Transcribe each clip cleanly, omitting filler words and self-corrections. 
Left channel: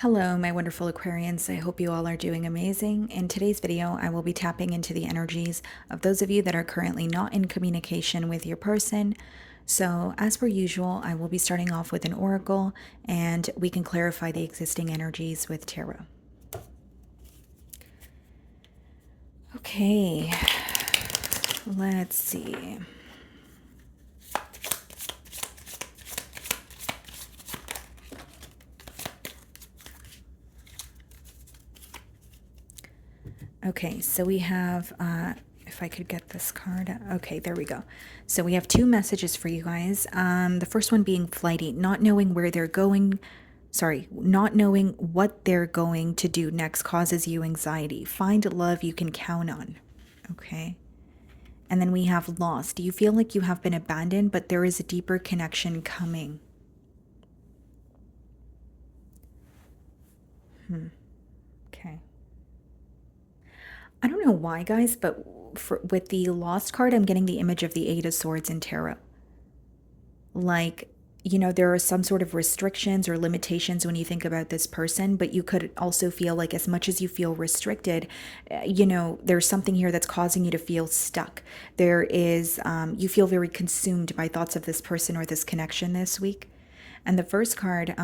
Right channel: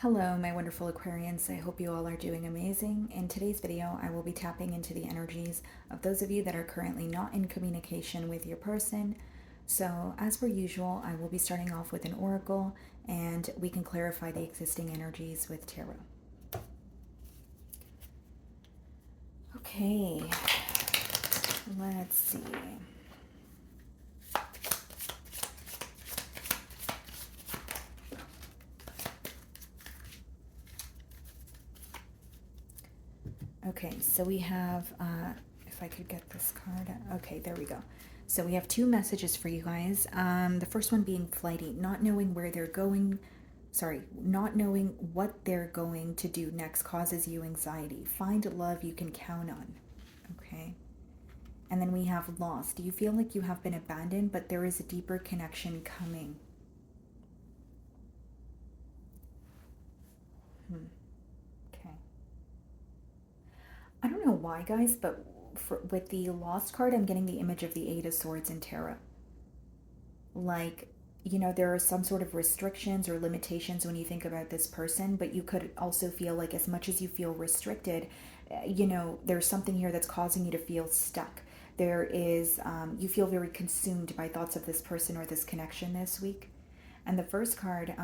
Hello, my wonderful Aquarians. I hope you all are doing amazing. In today's video, I will be tapping into the energies of those of you that are currently not in communication with your person. So, as per usual, I will be starting off with an oracle and we can clarify the existing energies with tarot. Okay, let's see. Okay, so we have, if I could get this card. Okay, there we go. So we have two messages for you guys. The first one being flighty, not knowing where they're going. Sorry, not knowing what they're going to do next causes you anxiety. Find love you can count on. Okay. And then we have lost. You feel like you have been abandoned, but there is a deeper connection coming. Okay. I don't know why, guys, but with the Lost card, I'm getting the image of the Eight of Swords in tarot. Like, there are some sort of restrictions or limitations when you think about this person, but you could also feel like as much as you feel restricted, there's something here that's causing you to feel stuck. There is, you feel very consumed by thoughts of this person or this connection this week. And the first card,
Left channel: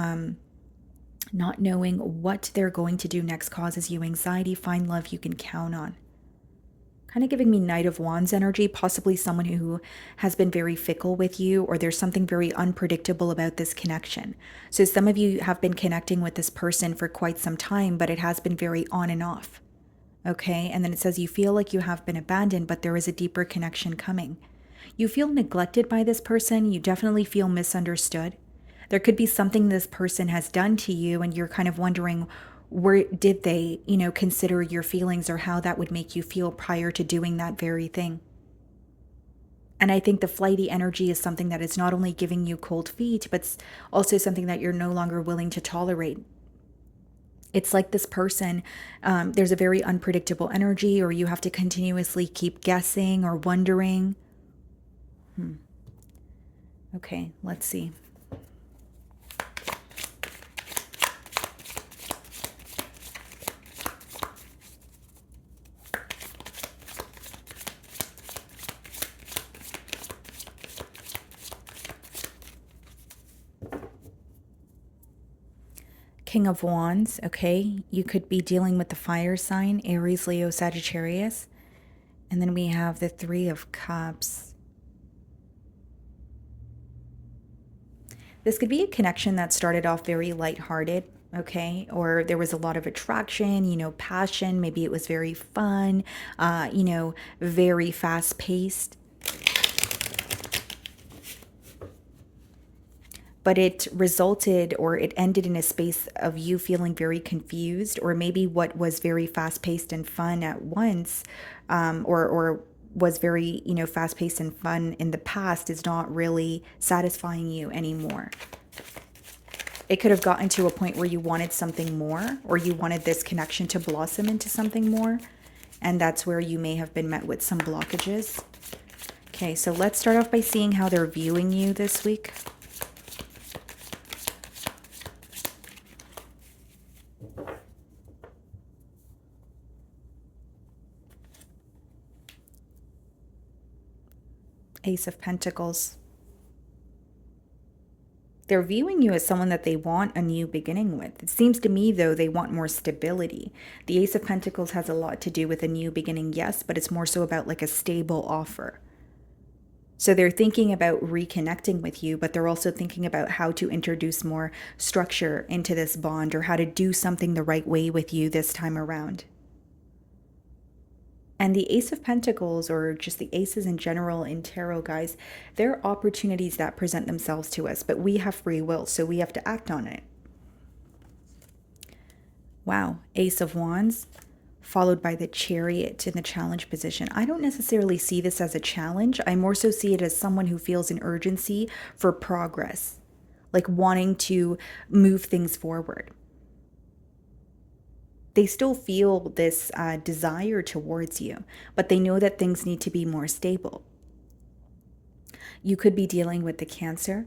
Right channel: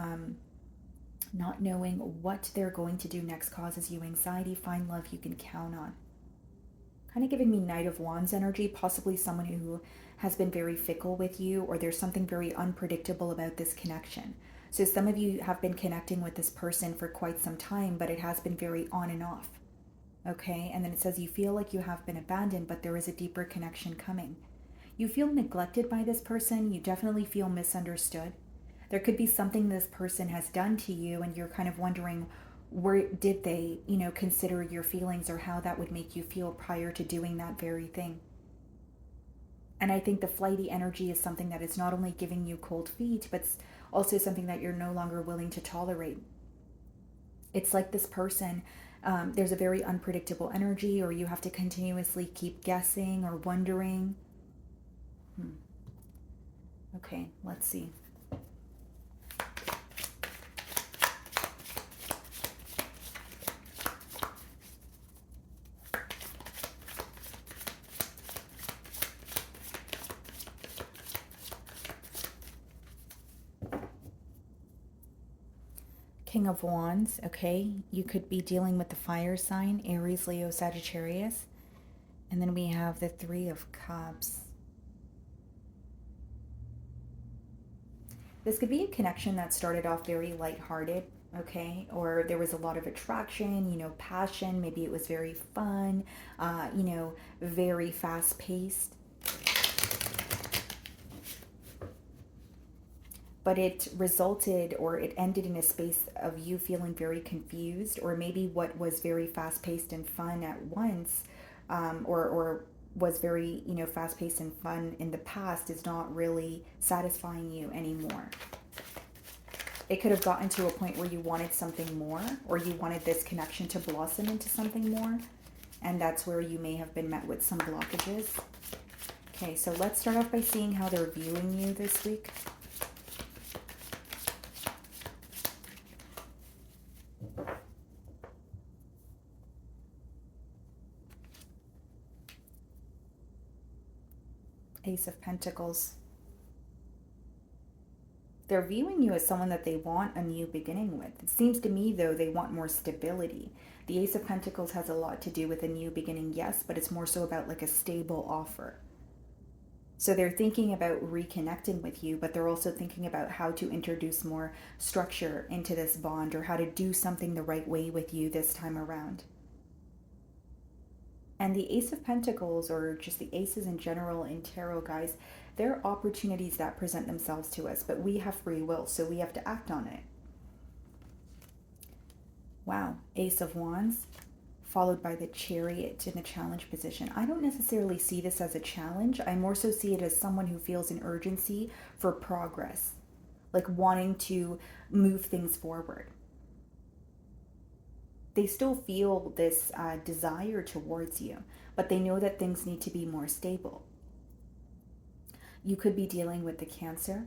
not knowing what they're going to do next causes you anxiety. Find love you can count on. Kind of giving me Knight of Wands energy, possibly someone who has been very fickle with you, or there's something very unpredictable about this connection. So some of you have been connecting with this person for quite some time, but it has been very on and off. Okay, and then it says you feel like you have been abandoned, but there is a deeper connection coming. You feel neglected by this person. You definitely feel misunderstood. There could be something this person has done to you, and you're kind of wondering, where did they, consider your feelings or how that would make you feel prior to doing that very thing. And I think the flighty energy is something that is not only giving you cold feet, but also something that you're no longer willing to tolerate. It's like this person, there's a very unpredictable energy, or you have to continuously keep guessing or wondering. Okay, let's see. King of Wands, okay? You could be dealing with the fire sign, Aries, Leo, Sagittarius. And then we have the Three of Cups. This could be a connection that started off very lighthearted, okay? Or there was a lot of attraction, passion. Maybe it was very fun, very fast paced. But it resulted, or it ended in a space of you feeling very confused, or maybe what was very fast paced and fun at once, or was very, fast paced and fun in the past is not really satisfying you anymore. It could have gotten to a point where you wanted something more, or you wanted this connection to blossom into something more. And that's where you may have been met with some blockages. Okay, so let's start off by seeing how they're viewing you this week. Ace of Pentacles. They're viewing you as someone that they want a new beginning with. It seems to me, though, they want more stability. The Ace of Pentacles has a lot to do with a new beginning, yes, but it's more so about like a stable offer. So they're thinking about reconnecting with you, but they're also thinking about how to introduce more structure into this bond, or how to do something the right way with you this time around. And the Ace of Pentacles, or just the aces in general in tarot, guys, they're opportunities that present themselves to us, but we have free will, so we have to act on it. Wow, Ace of Wands, followed by the Chariot in the challenge position. I don't necessarily see this as a challenge. I more so see it as someone who feels an urgency for progress, like wanting to move things forward. They still feel this desire towards you, but they know that things need to be more stable. You could be dealing with the Cancer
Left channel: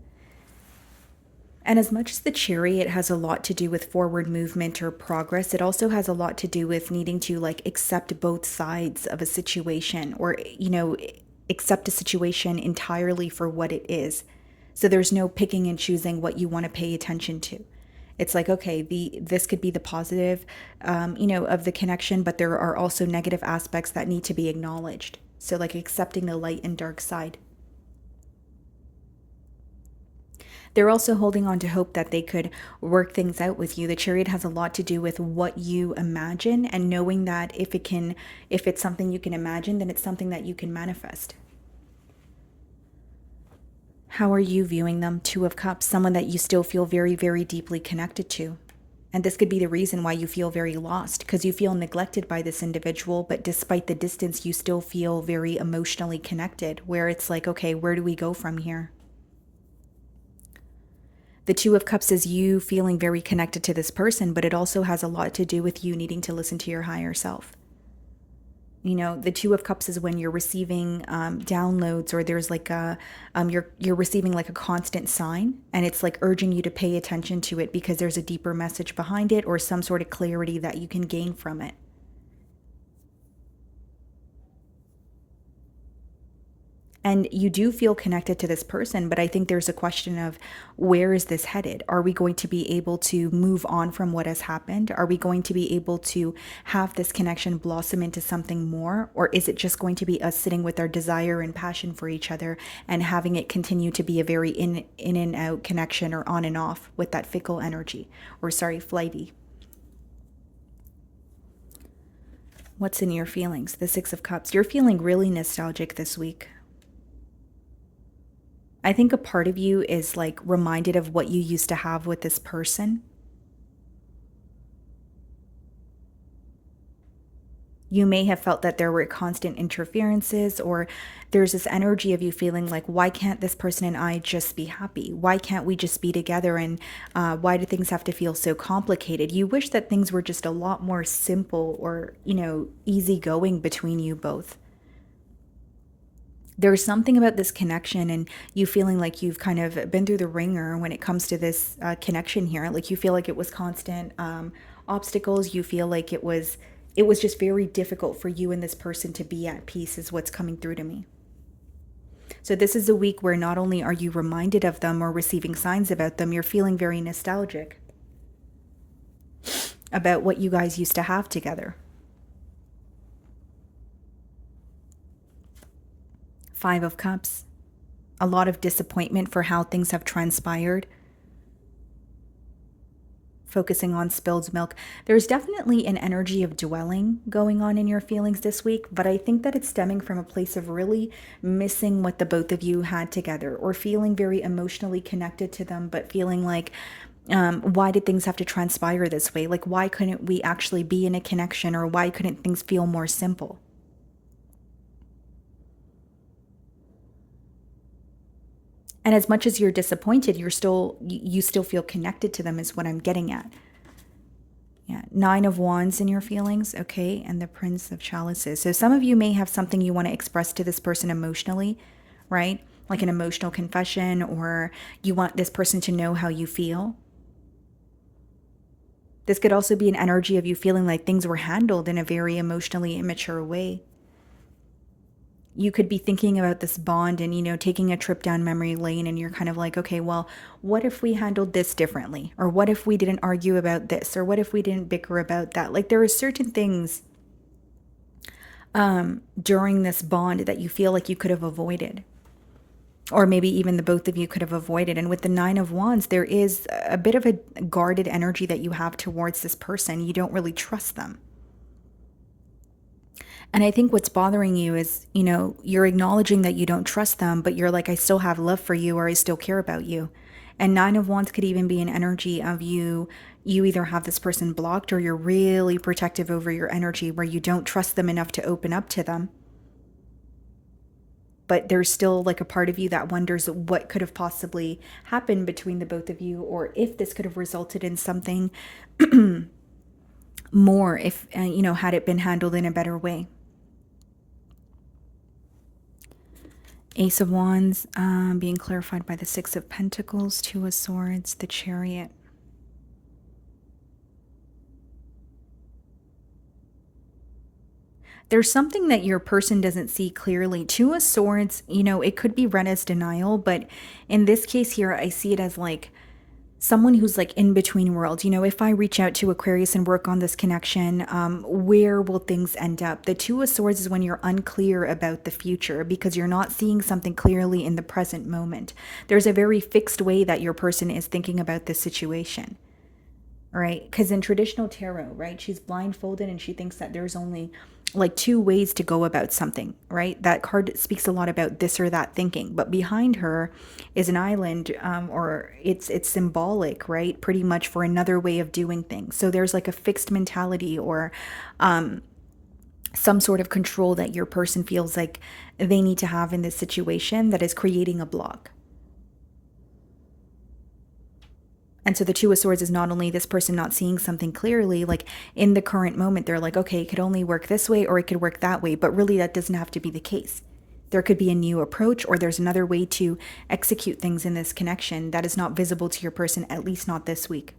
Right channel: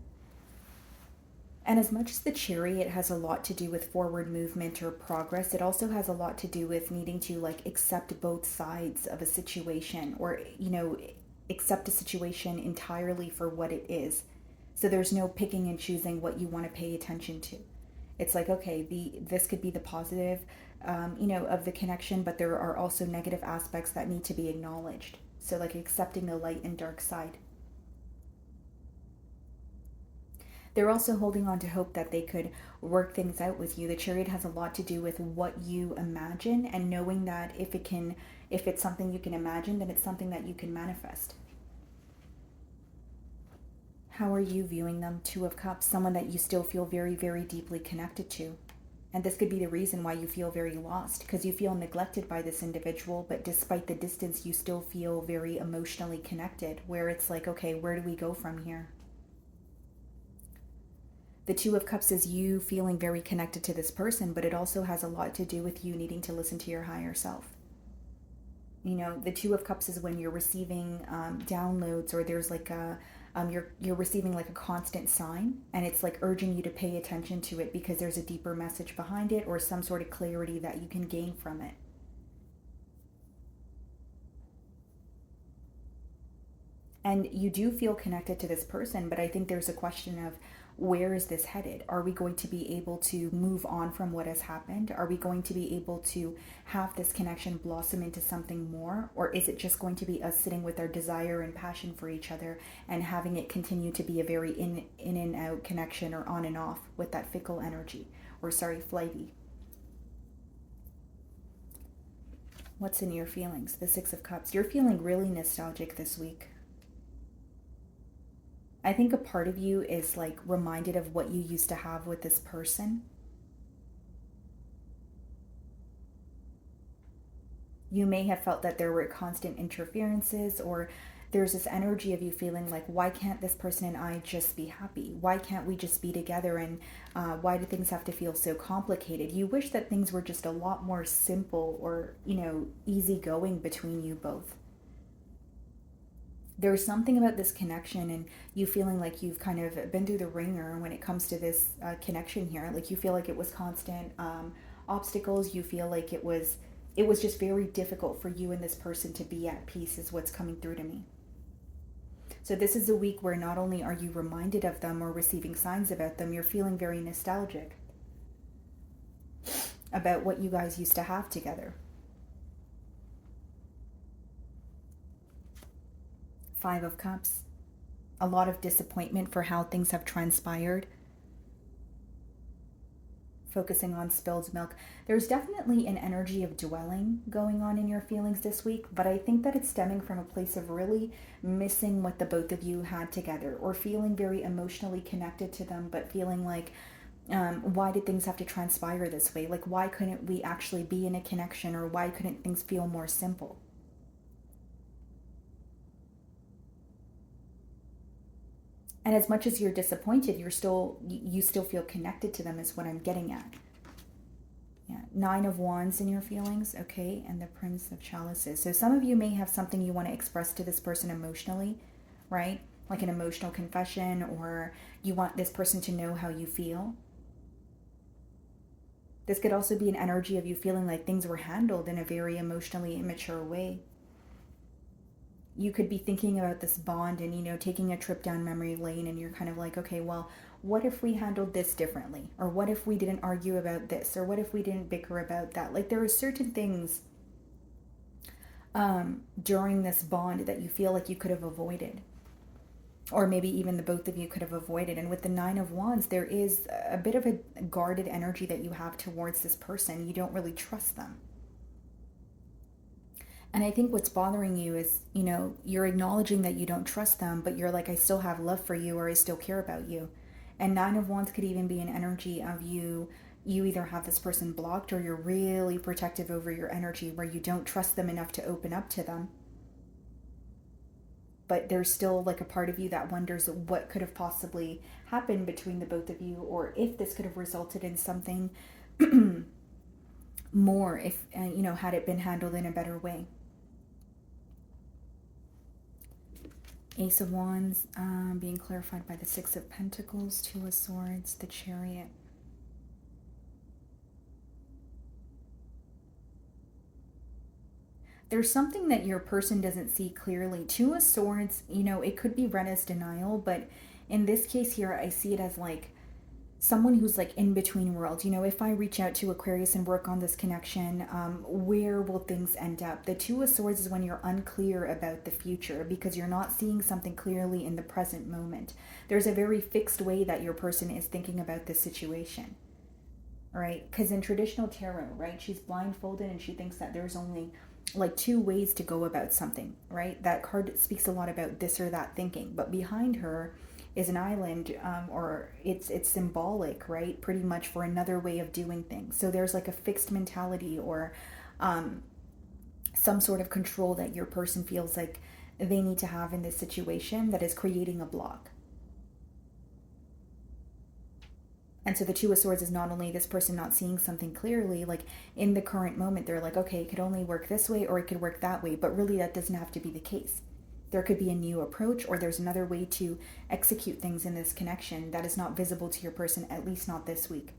And as much as the Chariot has a lot to do with forward movement or progress, it also has a lot to do with needing to like accept both sides of a situation, or, accept a situation entirely for what it is. So there's no picking and choosing what you want to pay attention to. It's like, okay, this could be the positive, of the connection, but there are also negative aspects that need to be acknowledged. So like accepting the light and dark side. They're also holding on to hope that they could work things out with you. The Chariot has a lot to do with what you imagine, and knowing that if it's something you can imagine, then it's something that you can manifest. How are you viewing them? Two of Cups, someone that you still feel very, very deeply connected to. And this could be the reason why you feel very lost, because you feel neglected by this individual, but despite the distance, you still feel very emotionally connected, where it's like, okay, where do we go from here? The Two of Cups is you feeling very connected to this person, but it also has a lot to do with you needing to listen to your higher self. The Two of Cups is when you're receiving downloads, or there's like you're receiving like a constant sign, and it's like urging you to pay attention to it because there's a deeper message behind it, or some sort of clarity that you can gain from it. And you do feel connected to this person, but I think there's a question of, where is this headed? Are we going to be able to move on from what has happened? Are we going to be able to have this connection blossom into something more? Or is it just going to be us sitting with our desire and passion for each other and having it continue to be a very in and out connection, or on and off with that fickle energy, or sorry, flighty? What's in your feelings? The Six of Cups. You're feeling really nostalgic this week. I think a part of you is like reminded of what you used to have with this person. You may have felt that there were constant interferences, or there's this energy of you feeling like, why can't this person and I just be happy? Why can't we just be together? And why do things have to feel so complicated? You wish that things were just a lot more simple, or, easygoing between you both. There's something about this connection, and you feeling like you've kind of been through the ringer when it comes to this connection here. Like you feel like it was constant obstacles. You feel like it was just very difficult for you and this person to be at peace, is what's coming through to me. So this is a week where not only are you reminded of them or receiving signs about them, you're feeling very nostalgic about what you guys used to have together. Five of Cups. A lot of disappointment for how things have transpired. Focusing on spilled milk. There's definitely an energy of dwelling going on in your feelings this week, but I think that it's stemming from a place of really missing what the both of you had together, or feeling very emotionally connected to them, but feeling like, why did things have to transpire this way? Like, why couldn't we actually be in a connection, or why couldn't things feel more simple? And as much as you're disappointed, you still feel connected to them, is what I'm getting at. Yeah, Nine of Wands in your feelings, okay, and the Prince of Chalices. So some of you may have something you want to express to this person emotionally, right? Like an emotional confession, or you want this person to know how you feel. This could also be an energy of you feeling like things were handled in a very emotionally immature way. You could be thinking about this bond and, taking a trip down memory lane, and you're kind of like, okay, well, what if we handled this differently? Or what if we didn't argue about this? Or what if we didn't bicker about that? Like, there are certain things during this bond that you feel like you could have avoided. Or maybe even the both of you could have avoided. And with the Nine of Wands, there is a bit of a guarded energy that you have towards this person. You don't really trust them. And I think what's bothering you is, you're acknowledging that you don't trust them, but you're like, I still have love for you, or I still care about you. And Nine of Wands could even be an energy of you either have this person blocked, or you're really protective over your energy, where you don't trust them enough to open up to them. But there's still like a part of you that wonders what could have possibly happened between the both of you, or if this could have resulted in something more, if, had it been handled in a better way. Ace of Wands being clarified by the Six of Pentacles, Two of Swords, the Chariot. There's something that your person doesn't see clearly. Two of Swords, it could be read as denial, but in this case here, I see it as like someone who's like in between worlds. If I reach out to Aquarius and work on this connection, where will things end up? The Two of Swords is when you're unclear about the future because you're not seeing something clearly in the present moment. There's a very fixed way that your person is thinking about this situation. Right? Because in traditional tarot, right, she's blindfolded and she thinks that there's only like two ways to go about something, right? That card speaks a lot about this or that thinking, but behind her is an island, or it's symbolic, right? Pretty much for another way of doing things. So there's like a fixed mentality or some sort of control that your person feels like they need to have in this situation that is creating a block. And so the Two of Swords is not only this person not seeing something clearly, like in the current moment, they're like, okay, it could only work this way or it could work that way. But really, that doesn't have to be the case. There could be a new approach or there's another way to execute things in this connection that is not visible to your person, at least not this week.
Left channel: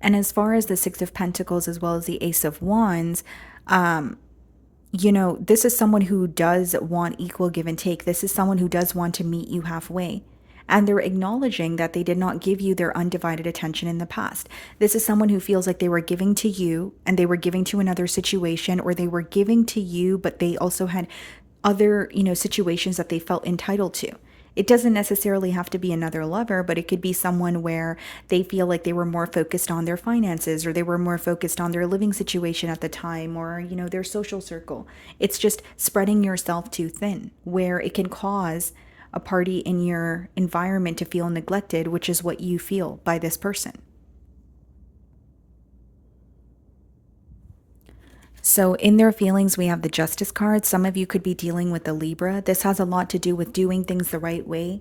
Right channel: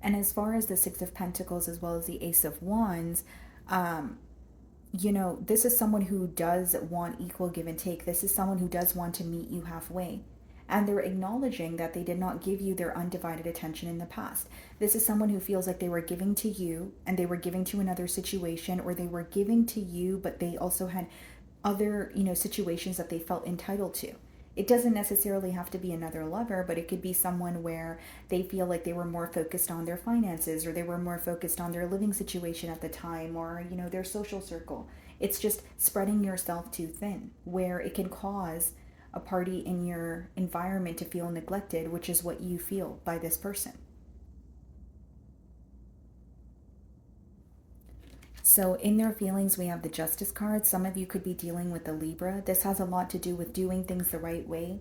And as far as the Six of Pentacles as well as the Ace of Wands, this is someone who does want equal give and take. This is someone who does want to meet you halfway. And they're acknowledging that they did not give you their undivided attention in the past. This is someone who feels like they were giving to you and they were giving to another situation, or they were giving to you, but they also had other, situations that they felt entitled to. It doesn't necessarily have to be another lover, but it could be someone where they feel like they were more focused on their finances or they were more focused on their living situation at the time or, their social circle. It's just spreading yourself too thin where it can cause a party in your environment to feel neglected, which is what you feel by this person. So in their feelings, we have the Justice card. Some of you could be dealing with the Libra. This has a lot to do with doing things the right way.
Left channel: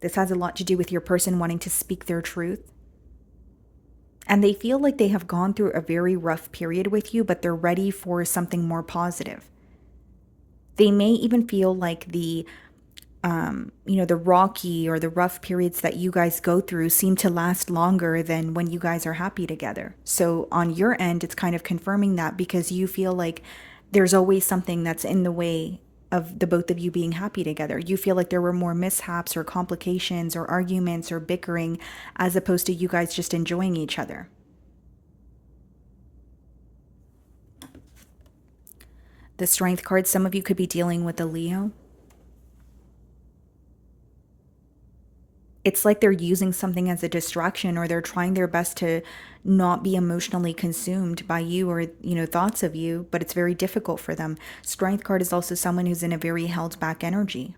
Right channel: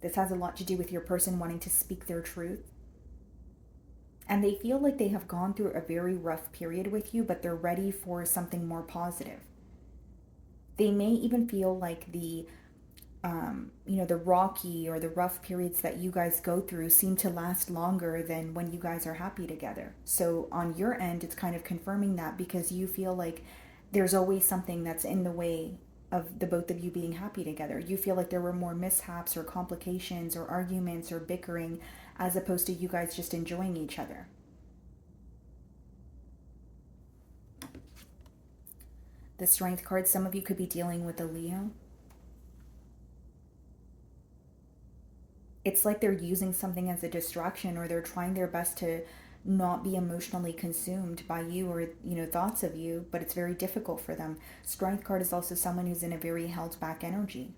This has a lot to do with your person wanting to speak their truth. And they feel like they have gone through a very rough period with you, but they're ready for something more positive. They may even feel like the rocky or the rough periods that you guys go through seem to last longer than when you guys are happy together. So on your end, it's kind of confirming that because you feel like there's always something that's in the way of the both of you being happy together. You feel like there were more mishaps or complications or arguments or bickering as opposed to you guys just enjoying each other. The Strength card, some of you could be dealing with a Leo. It's like they're using something as a distraction or they're trying their best to not be emotionally consumed by you or, thoughts of you, but it's very difficult for them. Strength card is also someone who's in a very held back energy.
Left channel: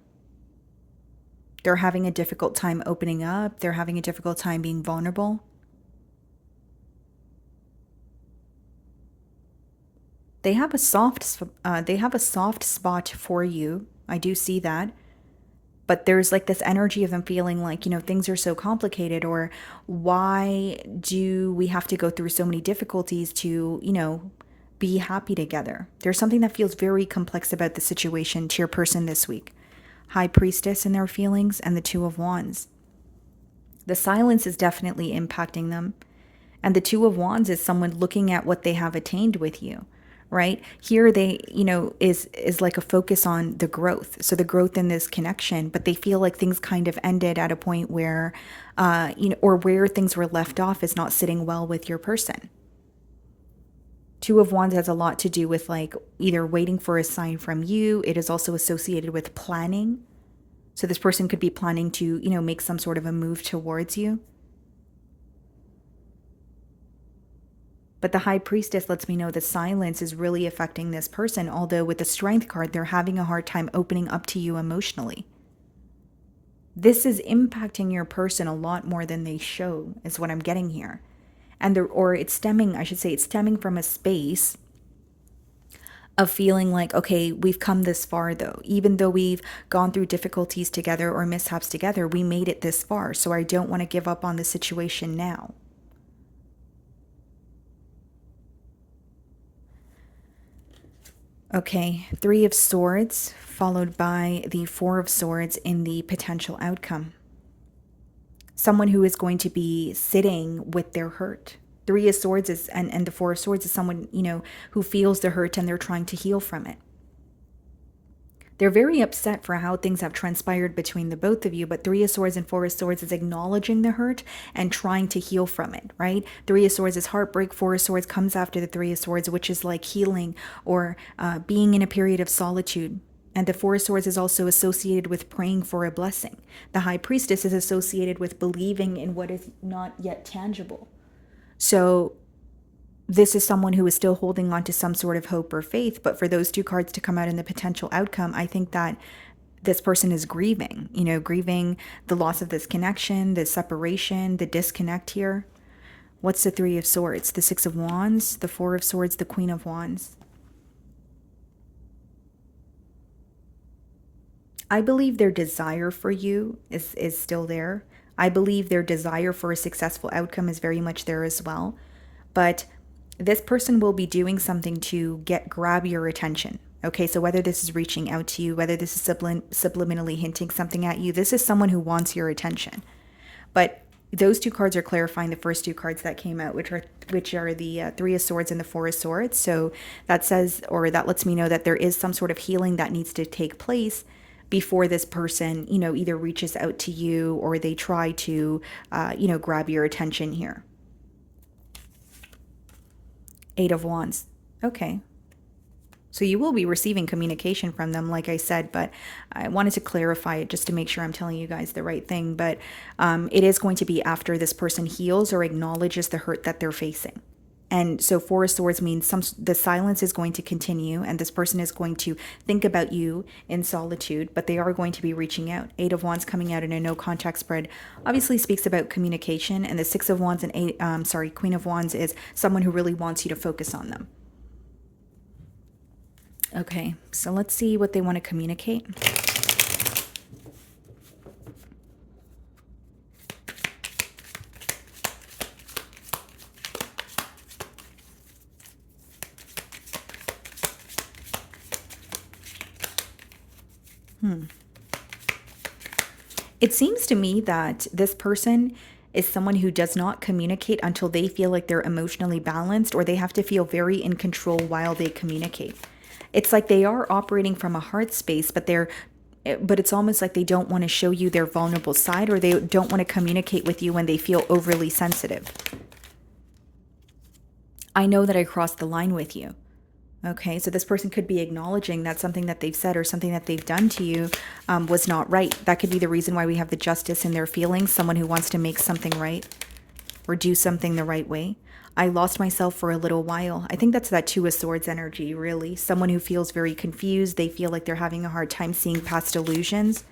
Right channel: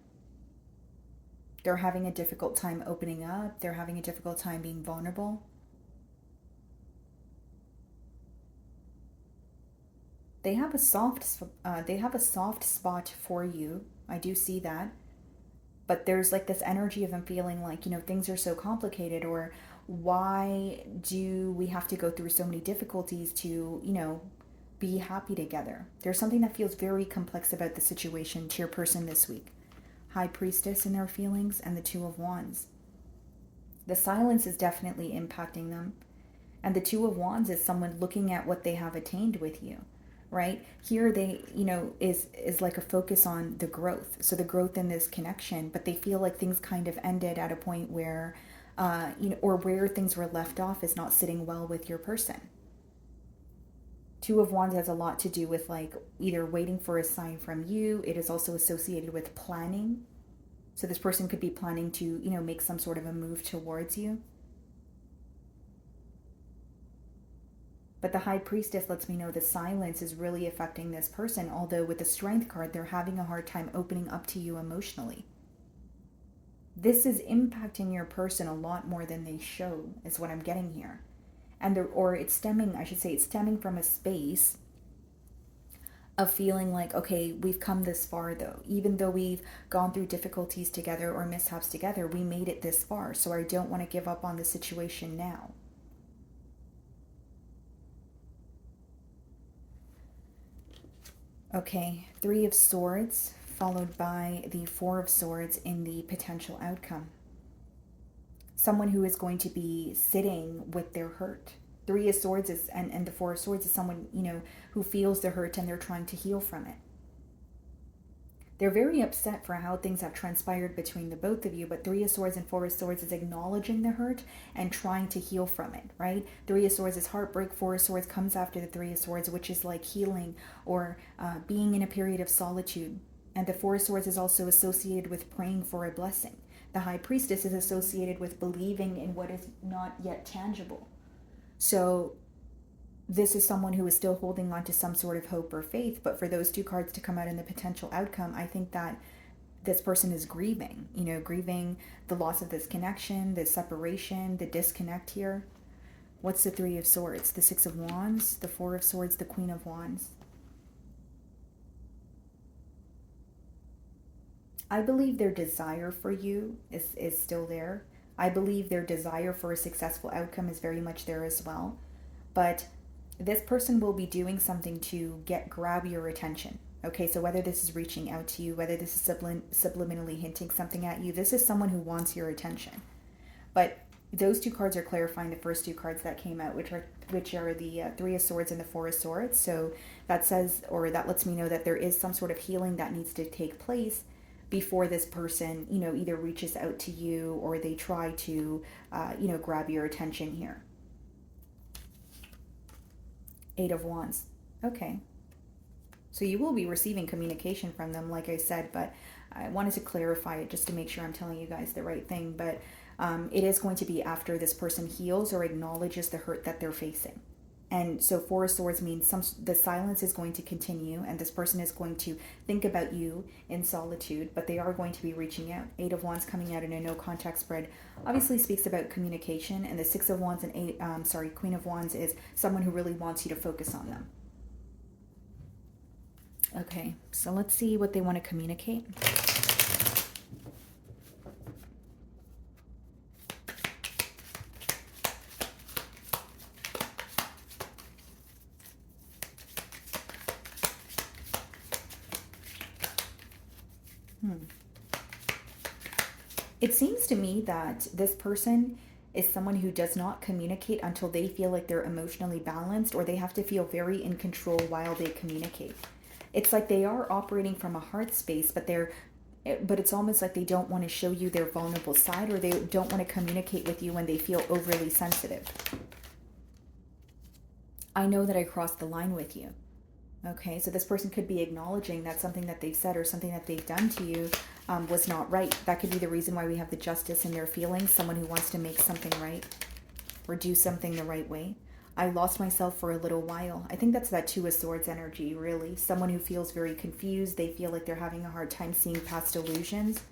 They're having a difficult time opening up. They're having a difficult time being vulnerable. They have a soft spot for you. I do see that. But there's like this energy of them feeling like, things are so complicated, or why do we have to go through so many difficulties to, be happy together? There's something that feels very complex about the situation to your person this week. High Priestess in their feelings and the Two of Wands. The silence is definitely impacting them. And the Two of Wands is someone looking at what they have attained with you. Right here, they, is like a focus on the growth. So the growth in this connection, but they feel like things kind of ended at a point where, or where things were left off is not sitting well with your person. Two of Wands has a lot to do with like either waiting for a sign from you. It is also associated with planning. So this person could be planning to, make some sort of a move towards you. But the High Priestess lets me know that silence is really affecting this person, although with the Strength card, they're having a hard time opening up to you emotionally. This is impacting your person a lot more than they show, is what I'm getting here. And it's stemming from a space of feeling like, okay, we've come this far though. Even though we've gone through difficulties together or mishaps together, we made it this far. So I don't want to give up on the situation now. Okay, Three of Swords, followed by the Four of Swords in the potential outcome. Someone who is going to be sitting with their hurt. Three of Swords is, and the Four of Swords is someone, who feels the hurt and they're trying to heal from it. They're very upset for how things have transpired between the both of you, but Three of Swords and Four of Swords is acknowledging the hurt and trying to heal from it, right? Three of Swords is heartbreak. Four of Swords comes after the Three of Swords, which is like healing or being in a period of solitude. And the Four of Swords is also associated with praying for a blessing. The High Priestess is associated with believing in what is not yet tangible. So this is someone who is still holding on to some sort of hope or faith. But for those two cards to come out in the potential outcome, I think that this person is grieving, grieving the loss of this connection, the separation, the disconnect here. What's the Three of Swords? The Six of Wands, the Four of Swords, the Queen of Wands. I believe their desire for you is still there. I believe their desire for a successful outcome is very much there as well. But this person will be doing something to grab your attention. Okay, so whether this is reaching out to you, whether this is subliminally hinting something at you, this is someone who wants your attention. But those two cards are clarifying the first two cards that came out, which are the Three of Swords and the Four of Swords. So that says, or that lets me know that there is some sort of healing that needs to take place before this person, either reaches out to you or they try to, grab your attention here. Eight of Wands. Okay. So you will be receiving communication from them, like I said, but I wanted to clarify it just to make sure I'm telling you guys the right thing. But it is going to be after this person heals or acknowledges the hurt that they're facing. And so Four of Swords means the silence is going to continue and this person is going to think about you in solitude, but they are going to be reaching out. Eight of Wands coming out in a no contact spread obviously speaks about communication, and the Six of Wands and Queen of Wands is someone who really wants you to focus on them. Okay, so let's see what they want to communicate. It seems to me that this person is someone who does not communicate until they feel like they're emotionally balanced, or they have to feel very in control while they communicate. It's like they are operating from a heart space, but it's almost like they don't want to show you their vulnerable side, or they don't want to communicate with you when they feel overly sensitive. I know that I crossed the line with you. Okay, so this person could be acknowledging that something that they've said or something that they've done to you was not right. That could be the reason why we have the Justice in their feelings, someone who wants to make something right or do something the right way. I lost myself for a little while. I think that's that Two of Swords energy, really. Someone who feels very confused. They feel like they're having a hard time seeing past illusions.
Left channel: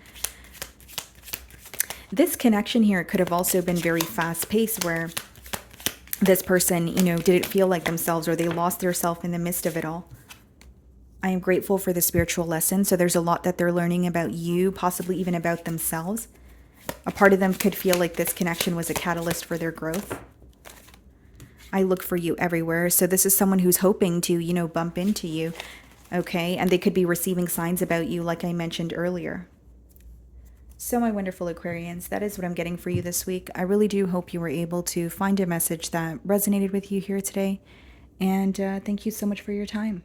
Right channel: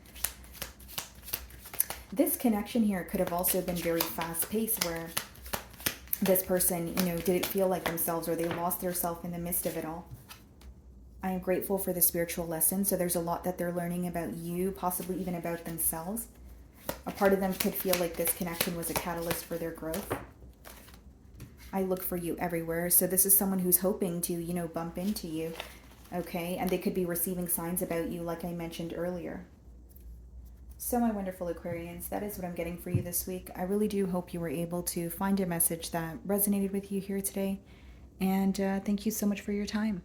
This connection here could have also been very fast-paced, where this person, didn't feel like themselves, or they lost their self in the midst of it all. I am grateful for the spiritual lesson. So there's a lot that they're learning about you, possibly even about themselves. A part of them could feel like this connection was a catalyst for their growth. I look for you everywhere. So this is someone who's hoping to, bump into you. Okay. And they could be receiving signs about you, like I mentioned earlier. So my wonderful Aquarians, that is what I'm getting for you this week. I really do hope you were able to find a message that resonated with you here today. And thank you so much for your time.